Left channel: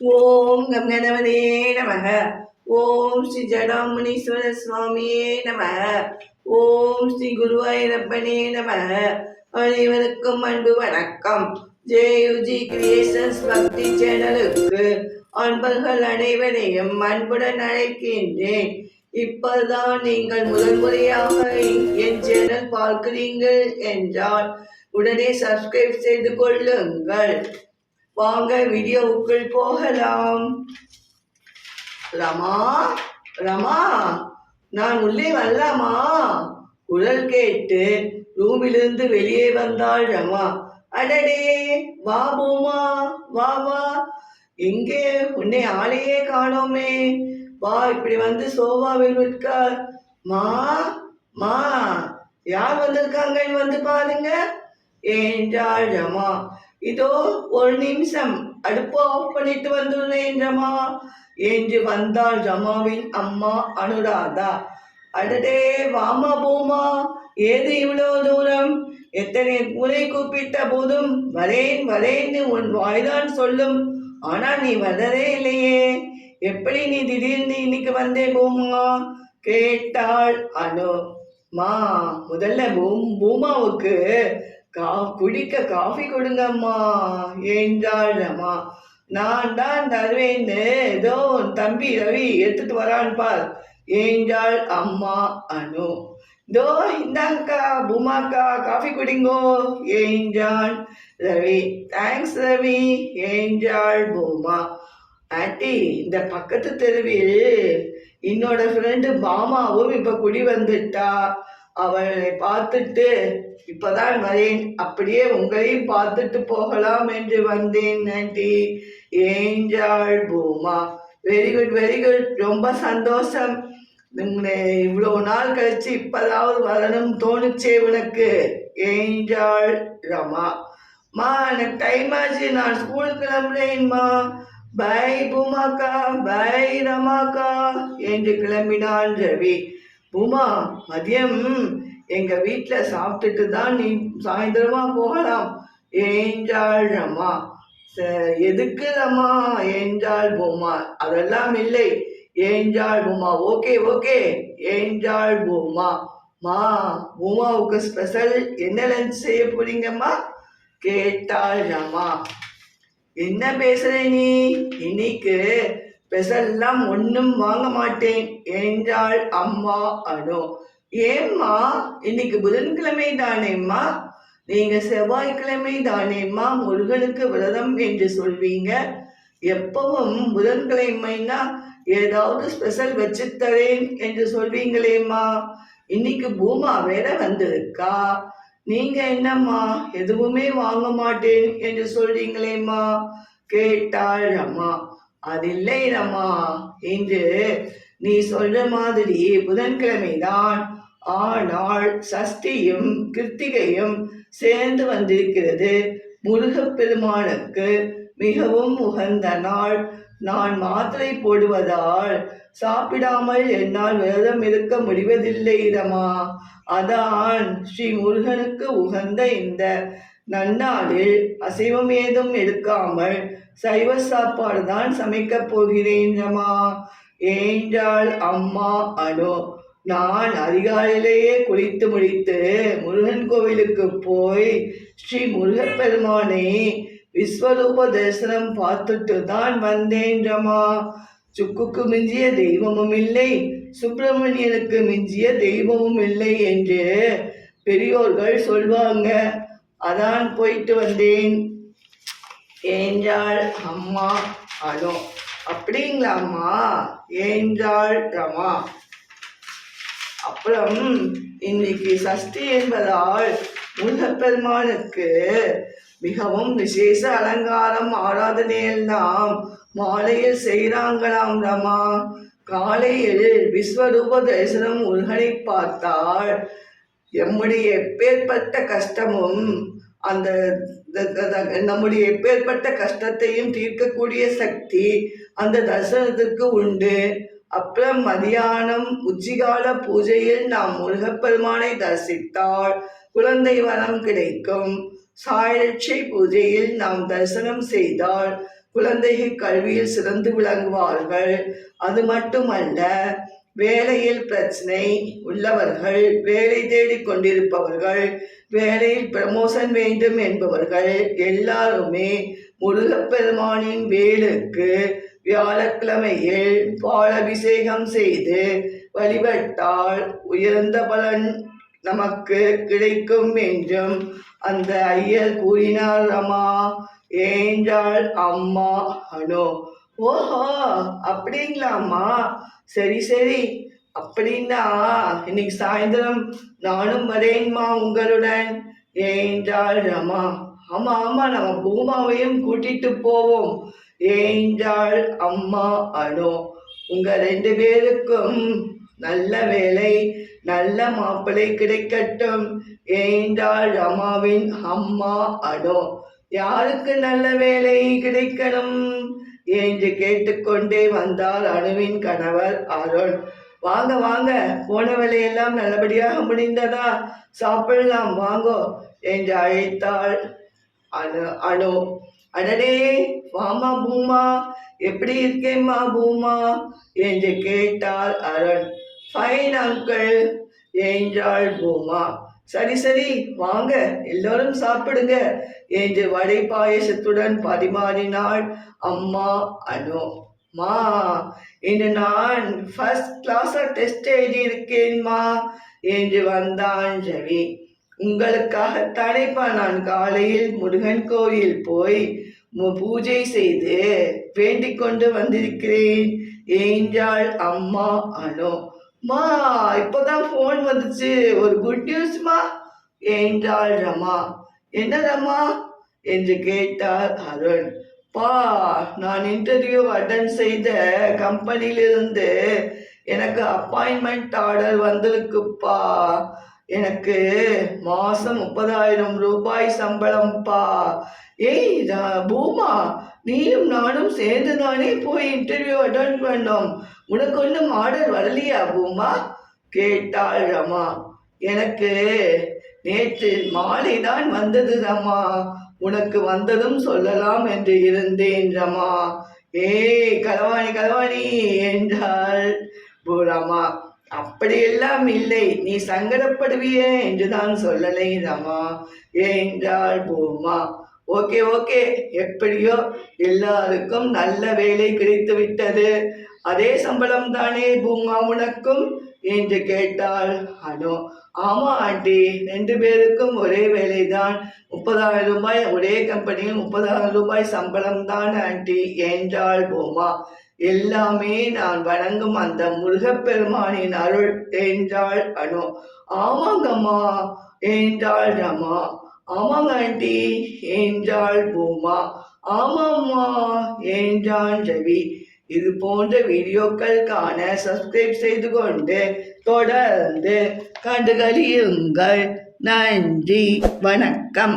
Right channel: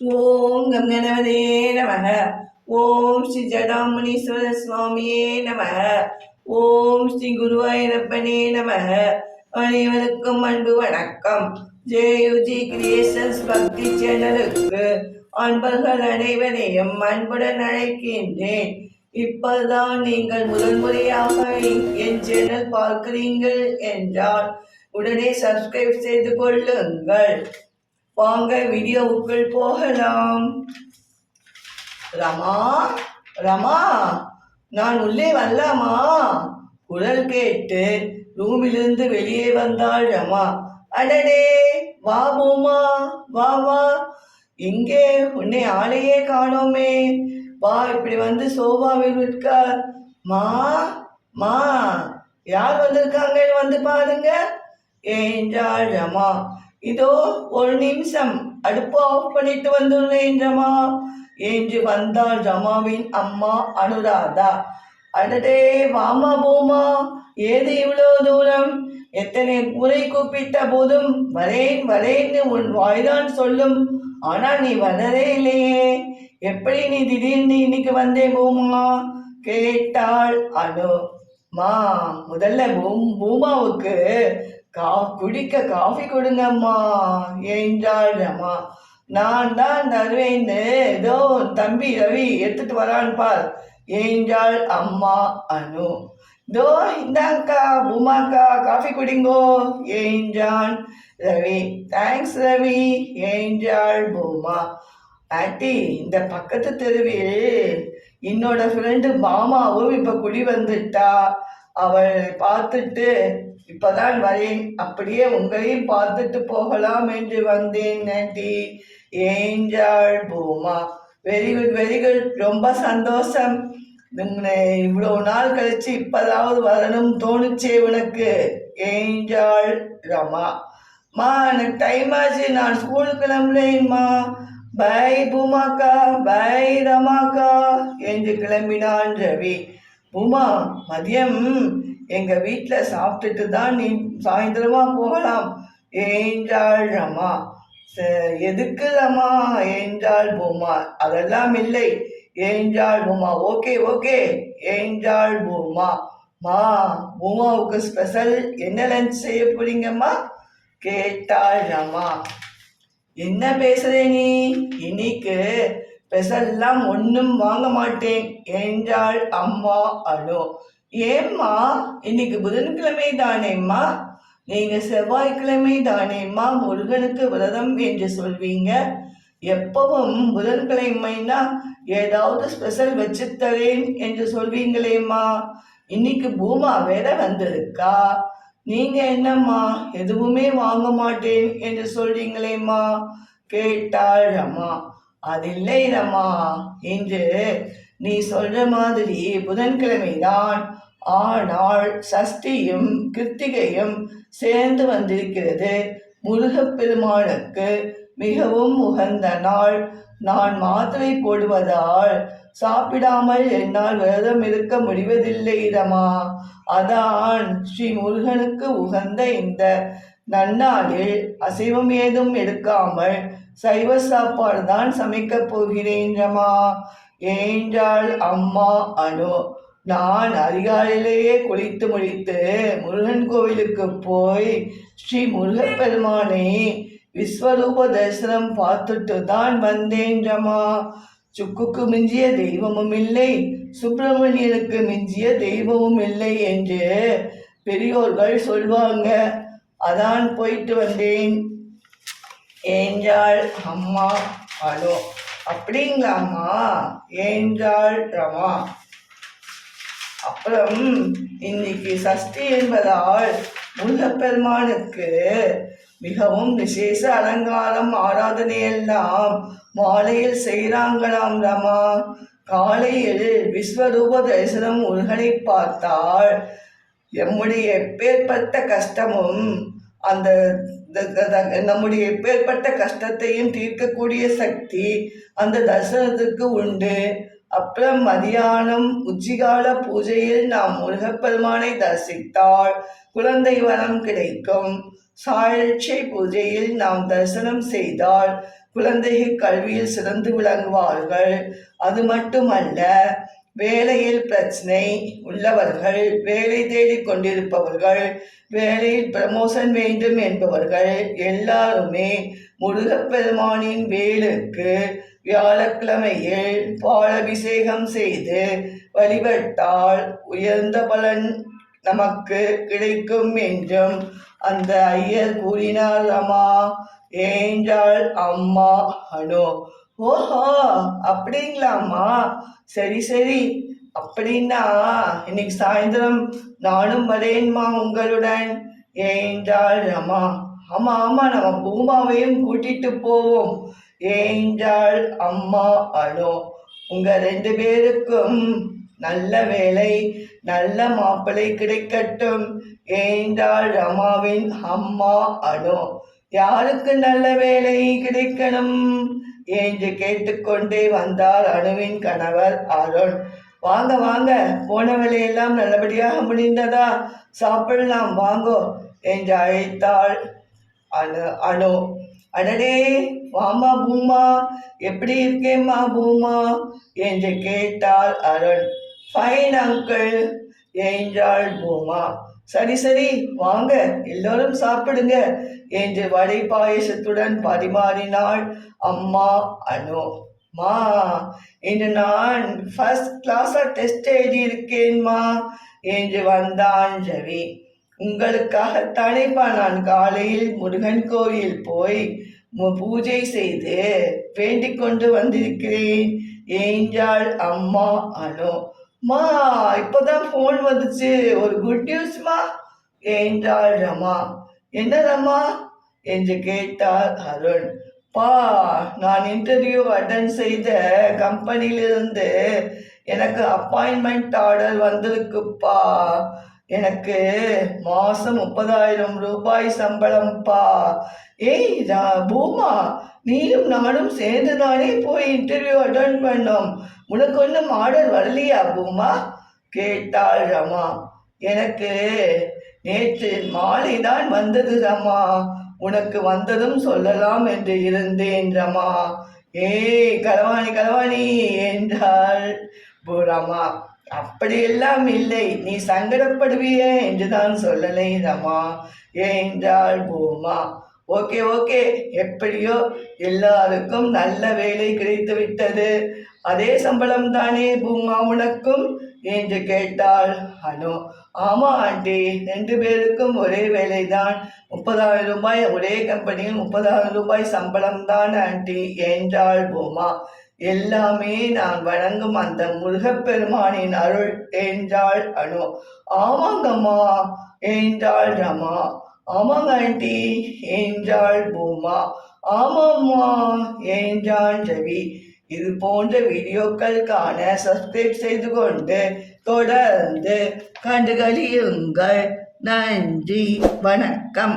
ஓம் come கணவனே நமக. ஓம் ஸ்ரீ ஜடாமுனீஸ்வர சுவாமியே நம ஓம் ஸ்ரீ குருவாயூரப்பனே நம அனைவருக்கும் அன்பு வணக்கம். ஜேயுஜி கிரியேஷன்ஸ் பக்தி சேனலுக்கு அன்பர்கள் அனைவரையும் அன்புடன் அழைக்கின்றேன். இப்போதுதான் நீங்கள் முதல் முறையாக என் சேனல் பார்க்கிறீர்கள் என்றால் உடனே சப்ஸ்கிரைப் செய்து கொள்ளுங்கள். வாங்க வீடியோவுக்குள் போகலாம். ரமா ரமா நான் உள்ளே வரலாமா? குரல் கேட்டு ரூமிலிருந்து வெளியே வந்தாள் ரமா. அடடே வா பூமா வா வா. எங்கே? உன்னை ஆளையே காணோமே. வா இப்படி வந்து சோபாவில் உட்கார். மா மா யார் வந்திருக்காங்கன்னு வந்து பாருங்க என்றாள் ரமா. இதோ ஒரு நிமிஷம். அடுப்பு ஆஃப் பண்ணிட்டு வந்துள்ளேன் ரமா என்று வந்தாள் ரமாவின் அம்மா அனுராதா. அடடே வாமா பூமா. ஏது இவ்வளவு தூரம்? எத்தனை முறை கூப்பிட்ட போதும். வரேன் வரேன்னு உன் வாய்தான் சொல்லும். ஆனால் நீ வரவே இல்லையே. எப்படி நீ திடீர்னு இன்னைக்கு வந்தே பூமா? கேட்டாள் அனு. மா முதல்ல பூமாவுக்கு கா குடிக்க காஃபி கொடுங்கம்மா என்றாள் ரமா நான் தான் தருவேன்னு ஏதோ தம்பி ரவி எடுத்துட்டு வரான் பார். என்றாள் அம்மா அனு? தோ இந்தாங்கக்கா பூமாக்கா காஃபி குடிங்கோ. என்றான் ரவி? தேங்க்ஸ் ரவி. என்றாள் பூமா? ஆண்டி இந்த பக்கத்து தெருவில் என்னோட ஃப்ரெண்டு மாமாவும் இப்போ குடி வந்துட்டா. அவளை பார்த்துட்டு இப்பதான் வரேன். அப்படியே உங்களையும் பார்த்துட்டு போகலாம் என்று வந்தேன் நட்டி ஏஞ்சாள் பூமா வெரி குட் வெரி குட் ரொம்ப சந்தோஷம். இவ்வளோ நாள் கழிச்சு இப்பதாவது வரணும் தோணுச்சே உனக்கு. ஏஞ்சாள் ரமா மா எனக்கு டைம் ஆச்சு. நான் ஸ்கூல் கிளம்புறேன்மா பை பூமாக்கா பை ரமாக்கா என்று கிளம்பினான் ரவி. உமா மதியம் எங்க வீட்டில் சாப்பிட்டுட்டு தான் நீ சாயந்தரமா போகலாம். ஏஞ்சாள் ரமா எதுக்கு அம்மா ஏஞ்சாள் பூமா அதெல்லாம் இல்லை. ஏஞ்சாள் பூமா ஓகே ஓகே. ஏஞ்சாள் பூமா மா பூமாவுக்கு ஸ்பெஷல் என்ன லஞ்ச் செய்ய போறீங்கம்மா? கேட்டாள் அம்மா என்ன பேசுற நீ? இன்னைக்கு ஸ்பெஷல்லாம் ஒன்றும் வாங்க மாட்டேன் என்றாள் அம்மா அனு. ஏம்மா இன்னைக்கு புதன்கிழமை தானேம்மா நீங்க செவ்வாய்க்கிழமை தானேம்மா முருகனுக்கு விரதம் என்று சொல்வீங்க? எப்பவும் புதன்கிழமைனா ஏதாவது ஸ்பெஷல் வச்சு தரேன் என்று சொல்வீங்களேம்மா. இன்னைக்கு பூமா வேற வந்திருக்கா? நீங்க என்னம்மா எதுவுமே வாங்க மாட்டேன் என்று சொல்றீங்களேம்மா? கேட்டாள் அம்மா. அதில்லை ரமா என்று நீ சொல்ற மாதிரி புதன்கிழமைதான் ஆனால் சஷ்டியும் கிருத்திகையும் சேர்ந்து வந்திருக்கிறது. முருகப்பெருமானுக்கு மிகவும் உகந்த நாள். நான் மாத்திரை போடுவதால் சாப்பிடாமல் என்னால் விரதம் இருக்க முடிவதில்லை ரமா. அதான் ஸ்ரீ முருகனுக்கு உகந்த இந்த நன்னாளில் அசைவம் ஏதும் எடுக்காமல் சைவ சாப்பாடு தான் சமைக்கப் போகிறேன்றமா ஏன்றாள் என்றாள் அம்மா அனு நான் அதிகாலையிலேயே குளித்து முடித்து முருகன் கோவிலுக்கு போய் ஸ்ரீ முருகப்பெருமானை விஸ்வரூப தரிசனம் பார்த்துட்டு தான் வந்தேன்றமா சுக்குக்கு மிஞ்சிய தெய்வமும் இல்லை சுப்பிரமணியனுக்கு மிஞ்சிய தெய்வமும் இல்லை என்று பெரியோர்கள் சொல்வாங்க. அதான் போயிட்டு வந்தேன். ஏஞ்சாள் அம்மா அனு அப்படிங்களாம்மா ஏஞ்சாள் ரமா. அப்புறம் இன்னைக்கு சஷ்டி என்பதால் முருகப்பெருமானுக்கு மிகவும் விசேஷ அலங்காரம் ஆராதனையெல்லாம் மாலையில் செய்கிறாங்களாம் ரமா. காலையில் விஸ்வரூப தரிசனம் முருகனை பார்த்தால் எம்முடைய எப்பேற்பட்ட கஷ்டமும் அந்த த- த- நம்முடைய எப்பேற்பட்ட கஷ்டத்தையும் தீர்க்கக்கூடிய சக்தி அந்த தரிசனத்துக்கு உண்டு. அப்புறம் மதியானம் உச்சிகால பூஜையில் நாம் முருகப்பெருமானை தரிசித்தால் குழந்தை வரம் கிடைக்கும். சாயலட்சை பூஜையில் நாம் தரிசனம் செய்தால் குழந்தைகள் கல்வியில் சிறந்து விளங்குவார்கள். அது மட்டுமல்ல வேலையில் பிரச்சனை உள்ளவர்கள் வேலை தேடிக் கொண்டிருப்பவர்கள் வேலையில் ப்ரமோஷன் வேண்டும் என்பவர்கள் எல்லாருமே முருகப்பெருமானின் வேலுக்கு வியாழக்கிழமையில் பாலபிஷேகம் செய்து வழிபட்டால் உயர்ந்த பலன் நமக்கு கிடைக்கும் என்றும் அந்த ஐயர் கூறினார் அம்மா என்றாள் அம்மா அனு ஓஹோ அப்படிங்களாம்மா? சரி சரி. அப்படின்னா இன்னைக்கு சாயந்தரம் நானும் வரேன்மா உங்களுடன். ஏன்றாள் ரமா ஆமா ஆமா நம்ம பூமாவையும் கூட்டிட்டு போவோம். ஏன்றாள் அம்மா அனோ உங்க ரெண்டு பேருக்கும் நல்ல வேலை நல்ல மாப்பிள்ளை கிடைக்கட்டும். ஏன்றாள் ரமாவின் அம்மா அனோ யாருக்கு நல்ல வேலை கிடைக்கணும்? என்று கேட்டுக்கொண்டே வந்தார் அணுவின் கணவர் அருண். வாங்க வாங்க போன வேலையெல்லாம் நல்லபடியாக முடிந்ததா? சாப்பிடலாம் வாங்கோ என்று அழைத்தாள் அணு அணு அடடே வாமா பூமா எப்படி இருக்கேம்மா பூமா? என்று கேட்டாள் அருண். ஃபைன் அங்கிள் என்றாள் பூமா. சரி சரி வாங்க. எல்லோரும் சாப்பிடுங்க. என்று வடை பாயசத்துடன் பரிமாறினாள் அம்மா அனு. மா இன்று நான் ஃபர்ஸ்ட் கிளாஸாக டெஸ்ட் எழுதியிருக்கேன்மா என்று வந்தான் ரவி. உங்களுக்காகத்தானேப்பா நான் காலையில் முருகன் கோயில் போய் பூஜை செய்து வேண்டிக் கொண்டு வந்திருக்கிறேன் ஏஞ்சாள் அம்மா அனு. மா இப்போதான் ஃபோன் வந்துச்சு. ஒரு குட் நியூஸ்மா என்றாள் ரமா. என்ன ரமா? என்று கேட்டார் அருண். பா நான் இன்டர்வியூ அட்டன் செய்த கம்பெனியிலிருந்து எனக்கு அப்பாயின்மெண்ட் ஆர்டர் வந்திருக்குப்பா. எனக்கு மாதம் முப்பதாயிரம் ரூபாய் சம்பளம்ப்பா. ஏய் ரா- பூமா நீயும் நானும் சேர்ந்து தானே போய் இன்டர்வியூ அட்டன் பண்ணோம். உனக்கு ஒன்றும் ஆர்டர் வரலையா பூமா? கேட்டாள் ரமா. எனக்கு நேற்று மாலை தான் வந்தது ரமா. உனக்கு வந்ததும் சொல்லலாம் என்று இருந்தேன் ரமா. ஏய் கலவாணி கலவாணி என்றாள் பூரமா அப்படியெல்லாம் இல்லை நீ சங்கடப்படுவியே என்றுதான் சொல்லலை ரமா என்றாள் பூமா. Okay okay. எப்படியோ எல்லாருக்கும் நல்ல வேலை கிடைத்து விட்டது அதே சம்பளம் தானே பூமா உனக்கும்? என்று கேட்டாள் அனு ஆமா ஆண்டி ரெண்டு பேருக்கும் ஒரே வேலைதான். முப்பதாயிரம் ரூபாய் ஒரே கம்பெனியில் முப்பதாயிரம் ரூபாய் சம்பளம் தான் ஆண்டி என்றாள் பூமா. எல்லாமே நான் வணங்கும் அந்த முருகப்பெருமானின் அருள் என்றாள் அனு ஆமாங்கம்மா என்றாள் ரமா. ஆமாங்க ஆண்டி என்றாள் பூமா. ஆமாம்மா என்றான் ரவி இது போன்ற வீடியோக்கள் காண சப்ஸ்கிரைப் செய்து கொண்டு தொடர்ந்து கண்டுகளியுங்கள். நன்றி வணக்கம்.